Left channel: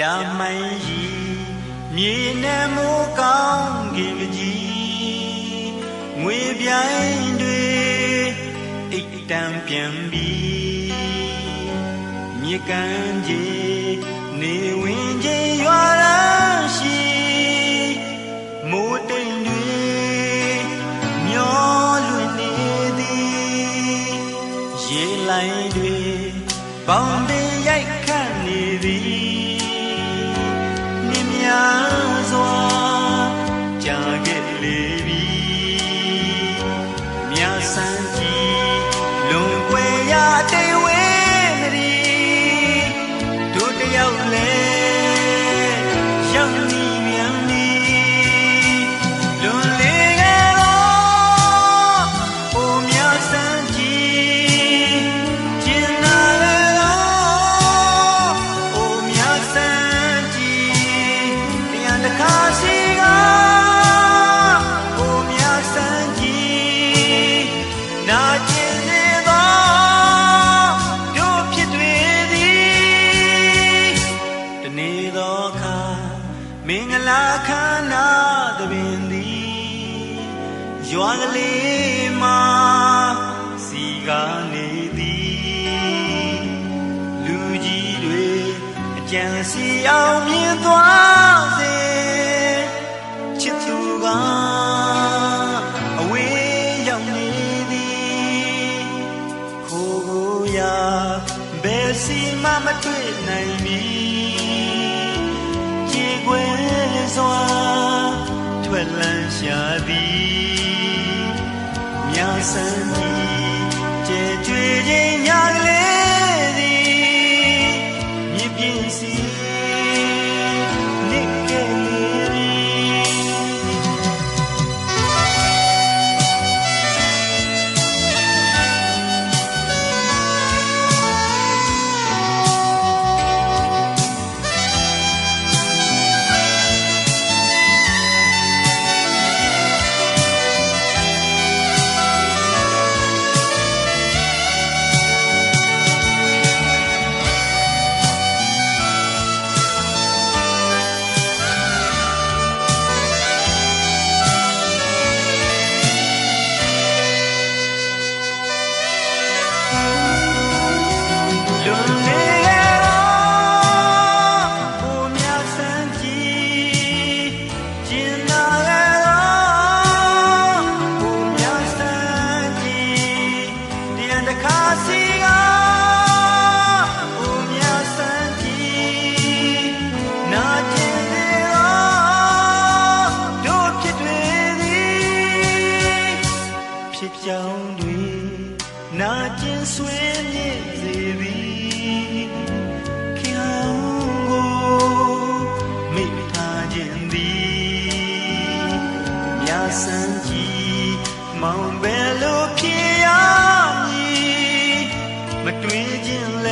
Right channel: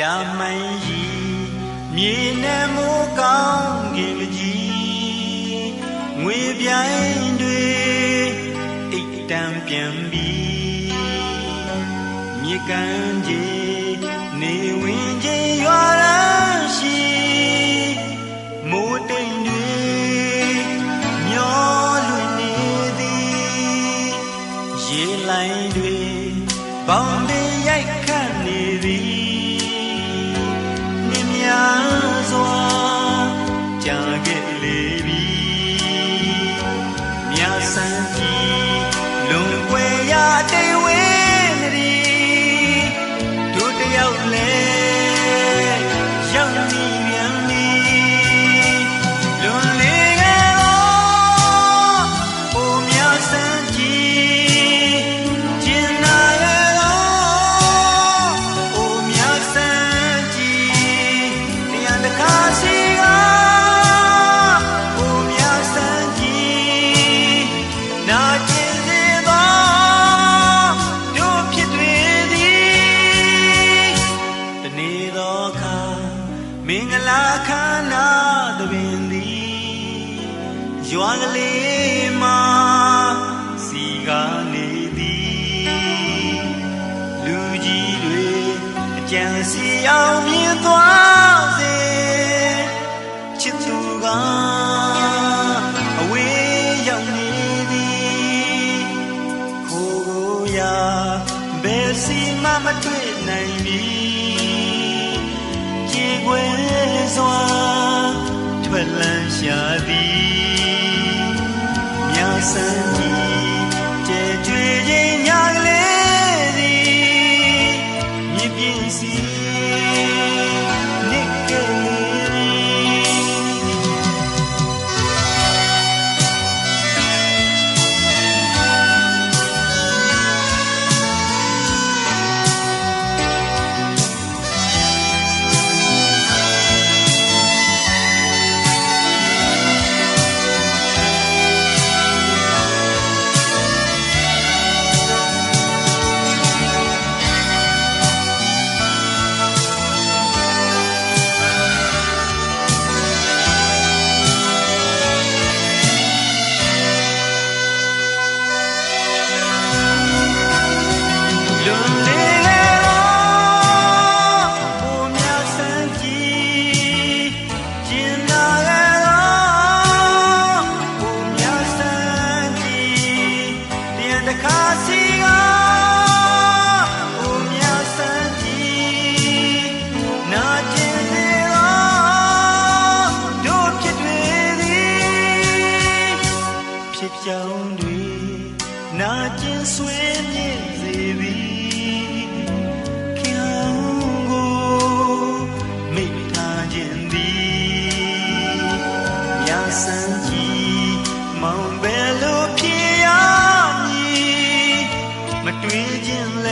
ရာမှန်ကြီးမြေနဲ့မိုးကောင်းကင်ကြီးငွေပြိုင်တွေအိတ်တံပြန်ပြီးမြေကန်ကြီး ယ်ရာတိတ်ဝေးနေသည်တို့တယောက်လဲရောက်နေမြန်သည်လွန်လေခဲ့တော့အိုမြတ်ဆန်းကြီးကျင်နာလေတော့အိုမြတ်ဆန်းကြီးတရားတစ်ခါ လေးမှာစီကနေသည်လူကြီးတွေအကြံစီအောင်မြင်သွားစေချစ်သူကအဝေးရောက်နေသည်ခိုးကိုရာဘယ်စီမှမတွေ့နိုင်ပြီကြေကွယ်စွာထွက်လန်းရှာသည် မြာ လွ စံကြီးမောင်ဘယ်လိုဖြစ်ရမည်မတွေးခြင်းလဲ